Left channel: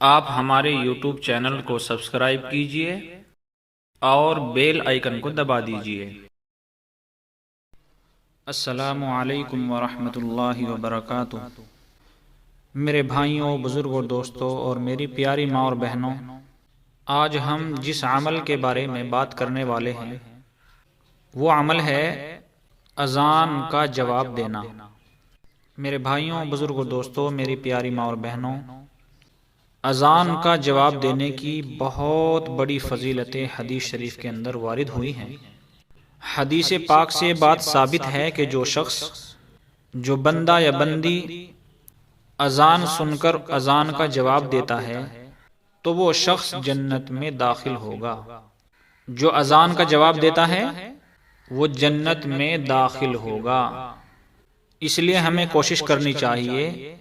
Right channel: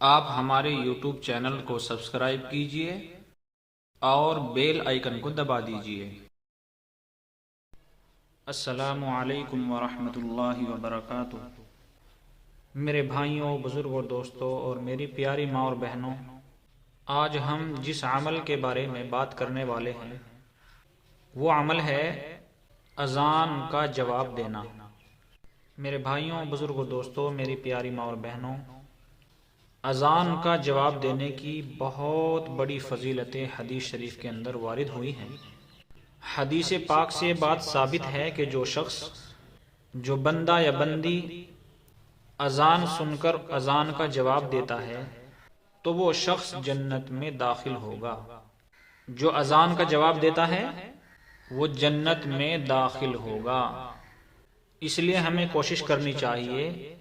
آپ ہمارے YouTube channel کو سبسکرائب کیجئے اور بیل آئیکن کو دبا دیجئے۔ السلام علیکم ورحمۃ اللہ وبرکاتہ۔ میرے بھائیوں، بزرگوں، دوستوں اور میری پیاری ماں اور بہنوں، آج ہم جس عمل کے بارے میں بات کرنے والے ہیں وہ عمل ہے اذان کا جواب دینا۔ میرے بھائیوں، بزرگوں، دوستوں، میری پیاری ماں اور بہنوں، اذان کا جواب دینے کی بہت بڑی فضیلتیں حدیث شریف کے اندر وارد ہوئی ہیں۔ حدیث پاک سے بات ثابت ہے کہ جو بندہ یا بندی اذان سن کر اذان کا جواب دیتا ہے تو وہ شخص جنت میں داخل ہوگا۔ جو اذان کا جواب دیتا ہے وہ جنت میں داخل ہوگا۔ اس لیے ہمیں کوشش کرنی چاہیے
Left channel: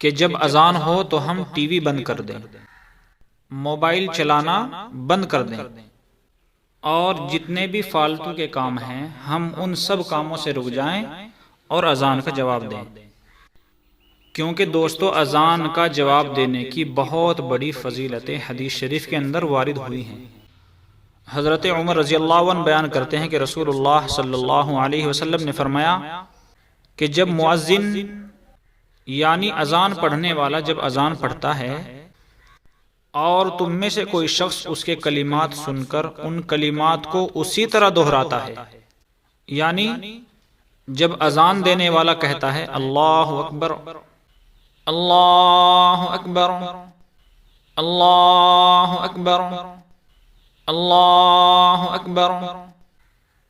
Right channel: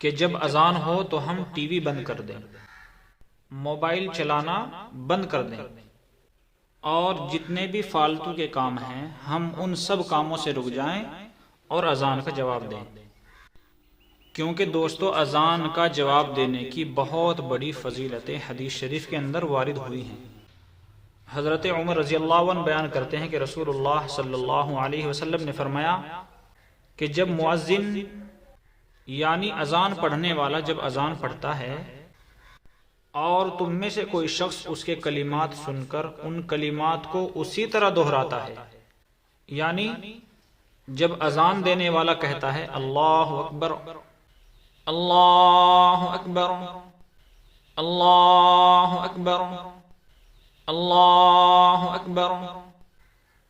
کہ جب اذان ہو تو ہم ٹی وی بند کر دیں، موبائل چلانا بند کر دیں، اور جتنے بھی فالتو کے کام ہیں ہم ان سب کاموں سے رک جائیں اور اذان کا جواب دیں، کیونکہ دوستو اذان کا جواب دینے کی بہت بڑی فضیلتیں حدیث شریف کے اندر وارد ہوئی ہیں۔ حضرت عمر رضی اللہ عنہ بیان کرتے ہیں کہ رسول اللہ صلی اللہ علیہ وسلم نے فرمایا کہ جب مؤذن یعنی اذان پڑھنے والا جب اذان پڑھتا ہے اور تم میں سے کوئی شخص اس کے کلمات سن کر ان کلمات کو اسی طرح دہراتا ہے، یعنی جب اذان دینے والا کہتا ہے اللہ اکبر اللہ اکبر اللہ اکبر اللہ اکبر،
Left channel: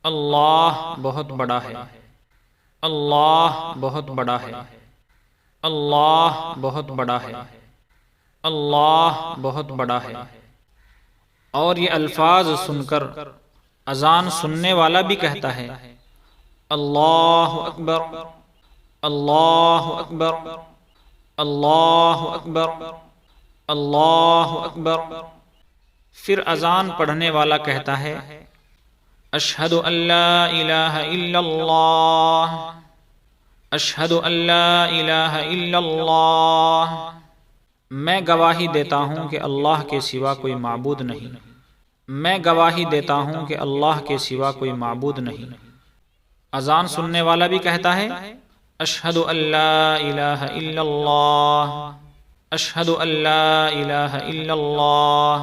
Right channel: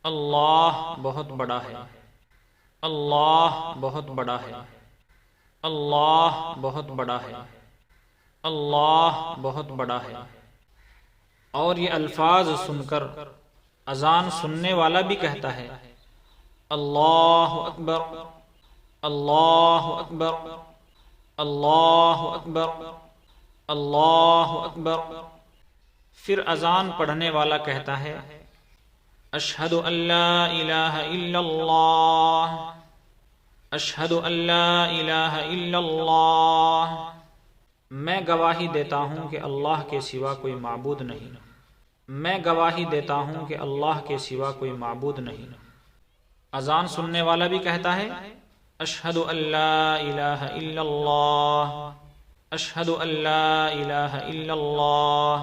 اللہ بہت بڑا ہے، اللہ بہت بڑا ہے، اللہ بہت بڑا ہے، اللہ بہت بڑا ہے، اور یہ الفاظ سن کر اذان سننے والا بھی کہتا ہے اللہ اکبر اللہ اکبر اللہ اکبر اللہ اکبر، پھر اذان پڑھنے والا کہتا ہے اشہد ان لا الہ الا اللہ اشہد ان لا الہ الا اللہ، میں گواہی دیتا ہوں کہ اللہ کے سوا کوئی معبود نہیں، میں گواہی دیتا ہوں کہ اللہ کے سوا کوئی معبود نہیں۔ اذان سننے والا بھی کہتا ہے اشہد ان لا الہ الا اللہ اشہد ان لا الہ الا اللہ،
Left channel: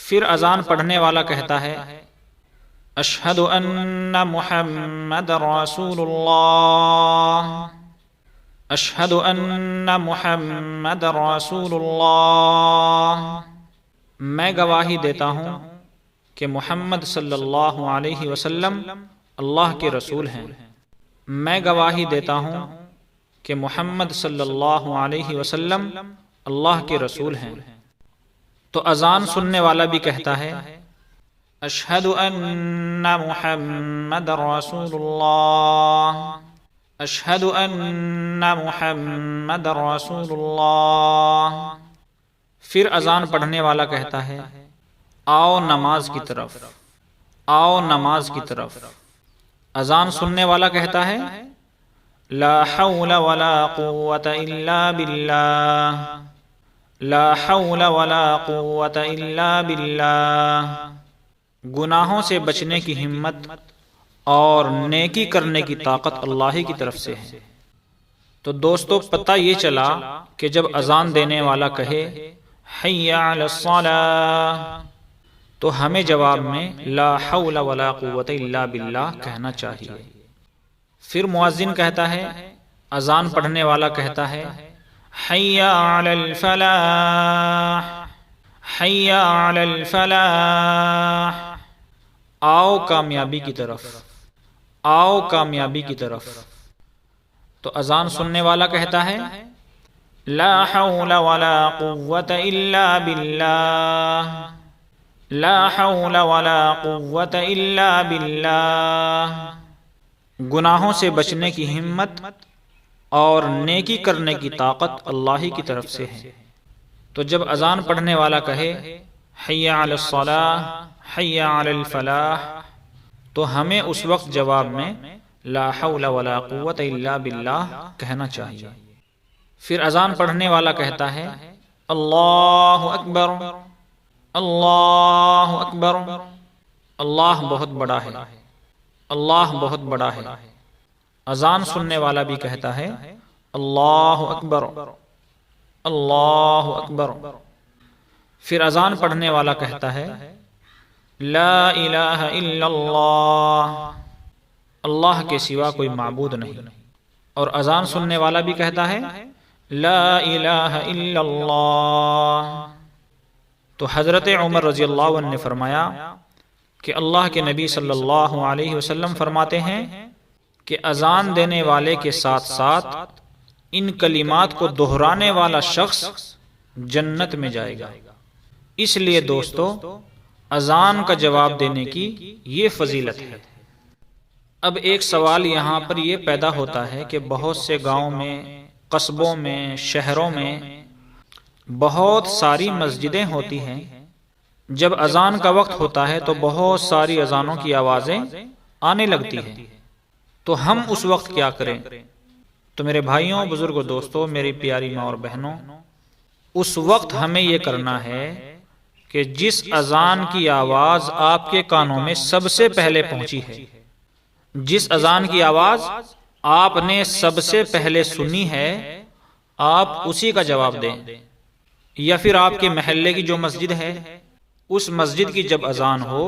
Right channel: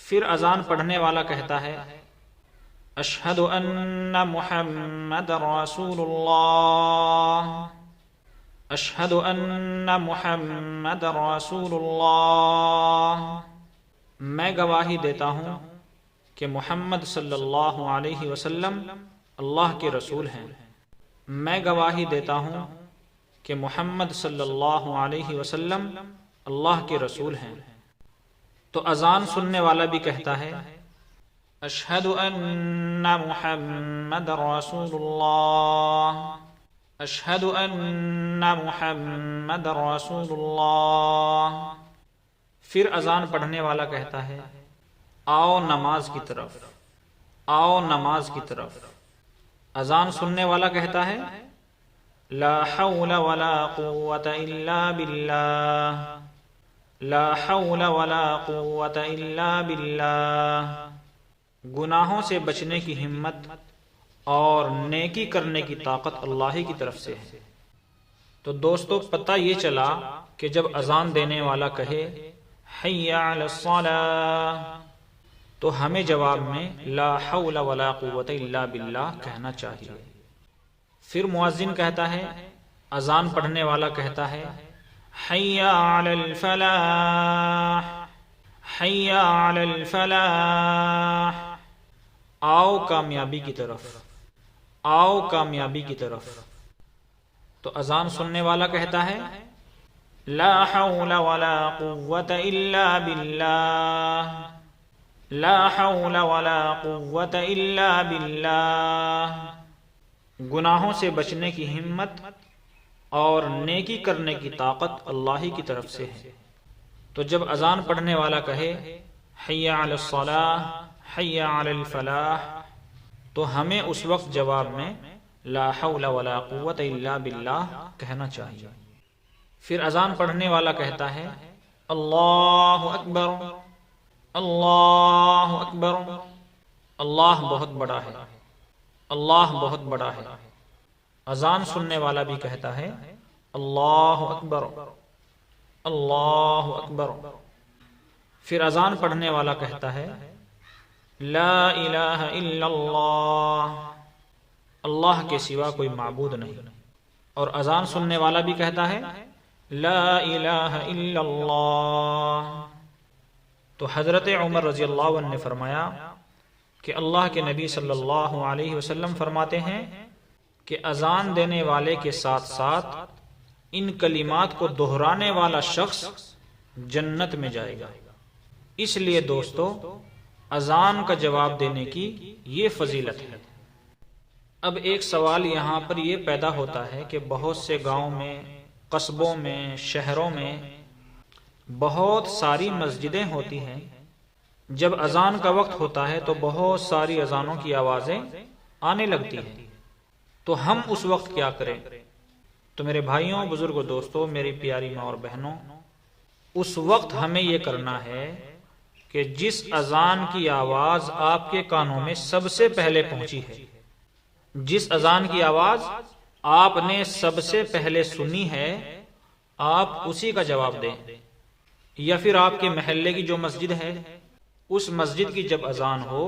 پھر اذان پڑھنے والا کہتا ہے اشہد ان محمد رسول اللہ اشہد ان محمد رسول اللہ، میں گواہی دیتا ہوں کہ محمد صلی اللہ علیہ وسلم اللہ کے رسول ہیں، میں گواہی دیتا ہوں کہ محمد صلی اللہ علیہ وسلم اللہ کے رسول ہیں۔ تو اذان سننے والا بھی کہتا ہے اشہد ان محمد رسول اللہ اشہد ان محمد رسول اللہ، پھر اذان پڑھنے والا کہتا ہے آؤ نماز کی طرف آؤ نماز کی طرف، اذان سننے والا کہتا ہے لا حول ولا قوة الا باللہ لا حول ولا قوة الا باللہ، گناہوں سے بچنے کی ہمت اور نیکی کرنے کی طاقت اللہ کی طرف سے ہے۔ تو دوستو پتہ یہ چلا کہ جب اذان دینے والا کہے حی علی الصلاۃ تو ہمیں جواب میں لا حول ولا قوة الا باللہ کہنا چاہیے۔ پھر مؤذن کہتا ہے، اذان پڑھنے والا کہتا ہے حی علی الفلاح حی علی الفلاح، آؤ کامیابی کی طرف آؤ کامیابی کی طرف، تو اذان سننے والا کہتا ہے لا حول ولا قوة الا باللہ لا حول ولا قوة الا باللہ، گناہوں سے بچنے کی ہمت اور نیکی کرنے کی طاقت اللہ کی طرف سے ہے۔ تو جب اذان پڑھنے والا کہے حی علی الصلاۃ حی علی الفلاح تو ہمیں اس وقت جواب میں لا حول ولا قوة الا باللہ کہنا چاہیے۔ پھر اذان پڑھنے والا کہتا ہے اللہ اکبر، اللہ اکبر۔ اللہ بہت بڑا ہے، اللہ بہت بڑا ہے۔ اذان سننے والا بھی کہتا ہے اللہ اکبر، اللہ اکبر۔ پھر اذان پڑھنے والا کہتا ہے لا الہ الا اللہ، اللہ کے سوا کوئی معبود نہیں۔ اور اذان سننے والا بھی کہتا ہے لا الہ الا اللہ۔ تو حضرت عمر رضی اللہ عنہ نے فرمایا کہ اللہ کے نبی صلی اللہ علیہ وسلم فرماتے ہیں کہ اذان دینے والے کے ساتھ ساتھ ان کلمات کو دہرانے والا شخص جنت میں جائے گا۔ اس لیے دوستو، اذان کا جواب دینے کی یہ فضیلت ہے۔ اب ایک سوال یہاں پر یہ پیدا ہوتا ہے کہ بہت سے گاؤں میں، قصبوں میں، شہروں میں بہت ساری مسجدیں ہوتی ہیں۔ جب اذان کا وقت ہوتا ہے تو بہت ساری اذانوں کی آوازیں آنے لگتی ہیں، تو ہم اس وقت کیا کریں؟ تو میرے بھائیوں، بزرگوں، دوستوں، میری پیاری ماں اور بہنوں، اس وقت ہمیں یہ کرنا ہے کہ جس اذان کی آواز آپ کے کانوں میں سب سے پہلے پہنچی ہے، جس اذان کی آواز آپ نے سب سے پہلے سنی ہے، آپ اسی کا جواب دیں۔ یا پھر آپ کے محلے کی جو مسجد ہے، اس مسجد کی جب اذان ہو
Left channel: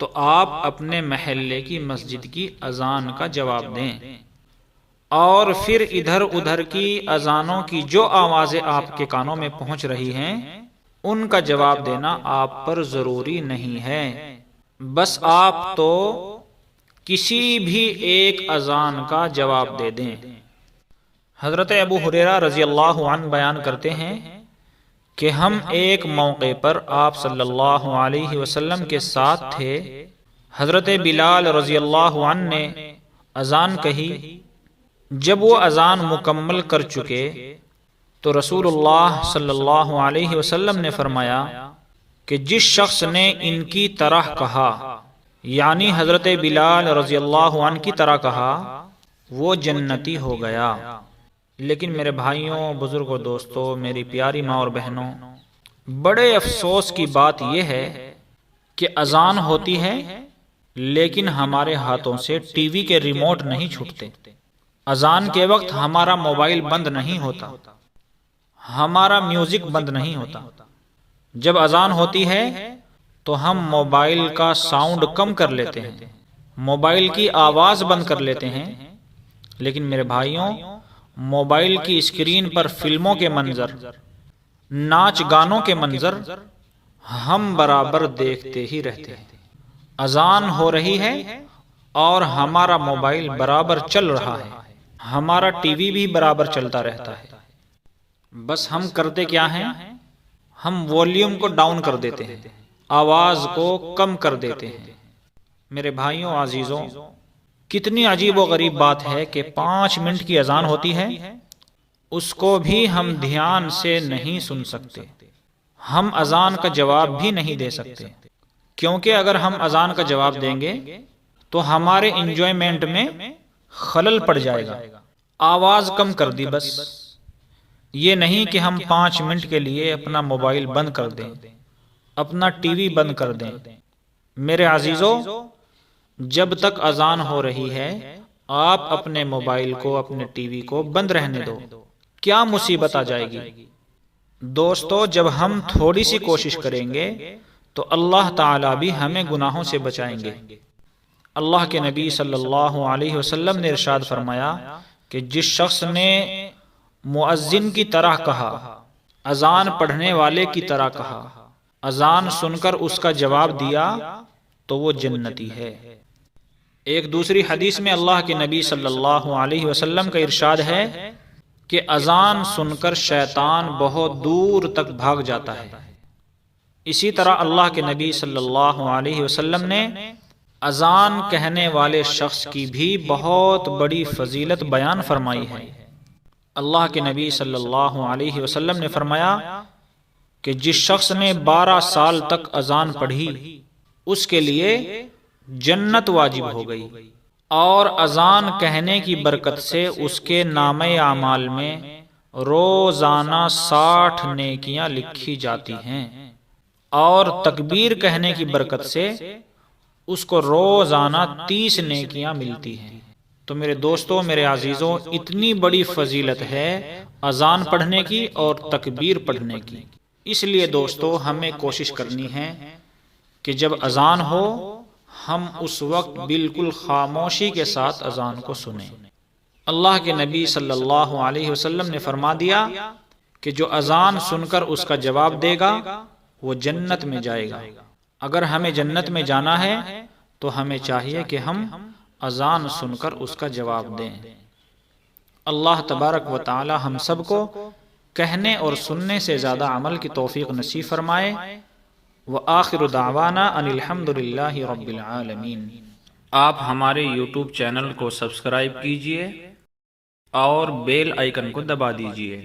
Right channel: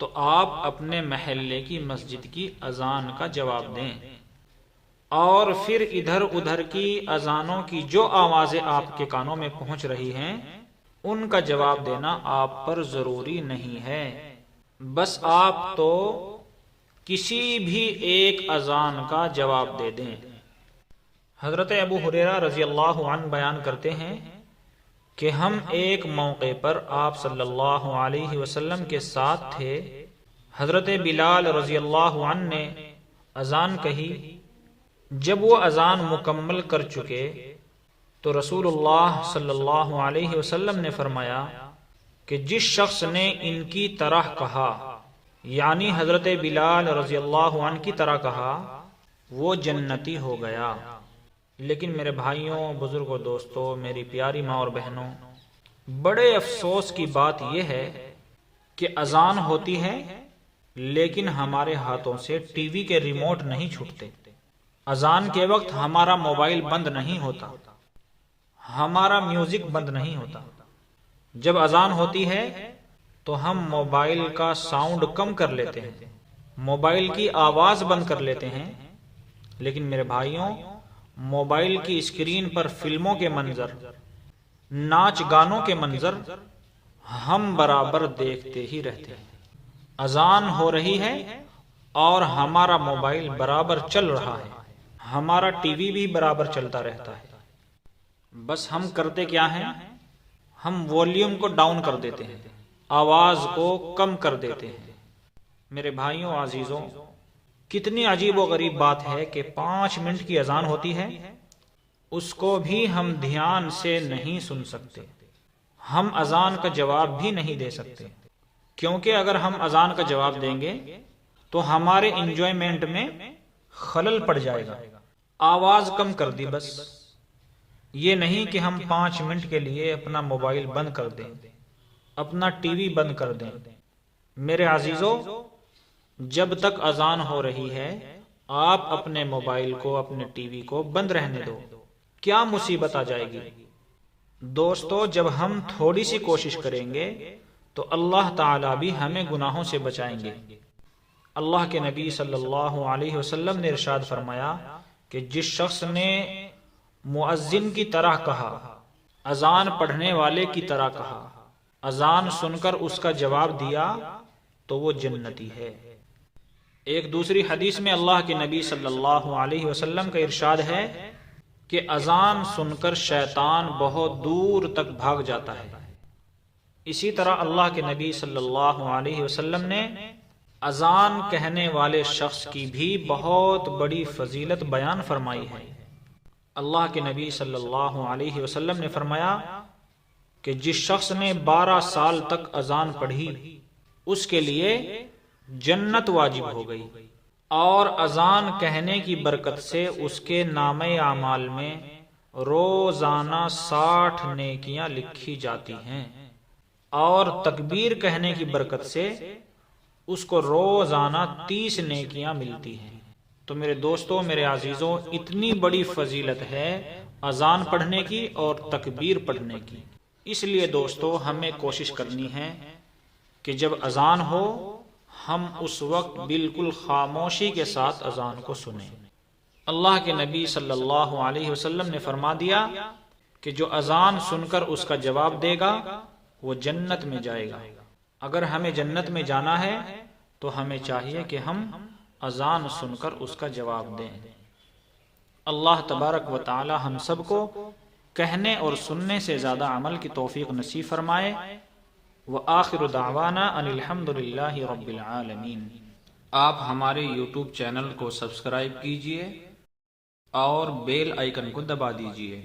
تو آپ اپنے محلے کی مسجد کی اذان کا جواب دیں، اور پھر ادھر ادھر کی اذانوں کی جو آوازیں آپ کے کانوں میں پہنچ رہی ہیں، ان کا جواب دینا آپ پر ضروری نہیں ہے۔ بس آپ تو کسی بھی ایک اذان کا جواب دے دیں۔ حضرت ابو ہریرہ رضی اللہ عنہ بیان کرتے ہیں کہ ہم ایک موقع پر آپ صلی اللہ علیہ وسلم کے ساتھ تھے۔ حضرت بلال رضی اللہ عنہ نے اذان کہی۔ جب وہ اذان مکمل کر چکے تو رسول اللہ صلی اللہ علیہ وسلم نے فرمایا کہ جس شخص نے ان کی طرح کہا، یعنی حضرت بلال رضی اللہ عنہ کی طرح کہا، وہ جنتی ہو گیا۔ لیکن میرے بھائیوں، بزرگوں، دوستوں، میری پیاری ماں اور بہنوں، بڑے افسوس کی بات یہ ہے کہ اذان ہوتی ہے لیکن ہمارے ہاتھوں سے ٹی وی کے ریموٹ نہیں چھوٹتے۔ اذان کے وقت ہمارا موبائل بند نہیں ہوتا، ہمارا میوزک بند نہیں ہوتا۔ جب اذان ہوتی ہے تو ہم موبائل کا ساؤنڈ کم کر لیتے ہیں، موبائل کی آواز بند کر لیتے ہیں، لیکن میرے بھائیوں، موبائل کی اسکرین پر فلموں کے منظر، ناچ گانوں کے منظر ہم برابر دیکھتے ہی رہتے ہیں۔ اذان ہو رہی ہے اور ہمارا موبائل برابر چل رہا ہے، ہمارا ٹی وی بھی برابر چلتا رہتا ہے۔ بس ہم کرتے کیا ہیں؟ ہم والیوم کو ڈاؤن کر دیتے ہیں، آواز کو کم کر دیتے ہیں۔ میرے بھائیوں، عزیزوں، کتنی عجیب و غریب بات ہے کہ 5 منٹ کی اذان ہوتی ہے، اس کو بھی ہم دھیان سے نہیں سن سکتے، ہم اذان کا جواب بھی نہیں دے سکتے، کیونکہ اگر ہم اذان کا جواب دیں گے تو ہمارے انجوائمنٹ میں خلل پڑ جائے گا۔ آواز کم کر دی بس، یہ نہیں کہ ہم 5 منٹ کے لیے اپنا موبائل بند کر دیں، اپنا ٹی وی بند کر دیں۔ میرے عزیزوں، جب تک اذان ہو رہی ہے آپ اپنے موبائل کو، اپنے ٹی وی کو بند رہنے دو، کیا مصیبت آ جائے گی؟ دوستو، جب ہم تھوڑی سی کوشش کریں گے تو اللہ تعالیٰ بھی ہمیں گناہوں سے بچائیں گے۔ اللہ کے نبی صلی اللہ علیہ وسلم نے ارشاد فرمایا کہ جس شخص نے مؤذن کی طرح کہا، اذان پڑھنے والے کی طرح کہا، اذان سن کر اس کا جواب دیا، تو وہ جنتی ہے۔ ایک دوسری حدیث میں اللہ کے نبی صلی اللہ علیہ وسلم کا ارشاد ہے کہ اذان سن کر شیطان بہت دور تک بھاگ جاتا ہے۔ اسی طرح اللہ کے نبی صلی اللہ علیہ وسلم نے اذان کہنے والے شخص کی بھی بہت بڑی فضیلت بیان فرمائی ہے۔ اللہ کے نبی صلی اللہ علیہ وسلم نے فرمایا کہ جس شخص نے 12 سال تک اذان پڑھی، اس کے لیے جنت واجب ہو گئی، اور اذان کہنے کی برکت سے اس کے نامہ اعمال میں روزانہ 60 نیکیاں لکھی جاتی ہیں، اور تکبیر کہنے کی برکت سے اس کو روزانہ 30 نیکیاں ملتی ہیں۔ تو میرے دوستوں، میرے عزیزوں، اتنی بڑی فضیلت ہے اذان پڑھنے کی اور تکبیر پڑھنے کی۔ اس لیے دوستو ہمیں کوشش کرنی ہے کہ جب اذان ہو ہم اس وقت بالکل خاموشی کے ساتھ اذان کو سنیں۔ اللہ کے نبی صلی اللہ علیہ وسلم نے فرما دیا کہ جو اذان سن کر اس کا جواب دے گا وہ جنت میں جائے گا۔ اگر ہمیں جنت میں جانا ہے تو ہمیں چاہیے کہ ہم اذان سن کر اس کا جواب دیں۔ اللہ تبارک و تعالی ہم سب کو کہنے اور سننے سے زیادہ عمل کی توفیق نصیب فرمائے۔ وآخر دعوانا ان الحمد للہ رب العالمین۔ آپ ہمارے یوٹیوب چینل کو سبسکرائب کیجئے اور بیل آئیکن کو دبا دیجئے۔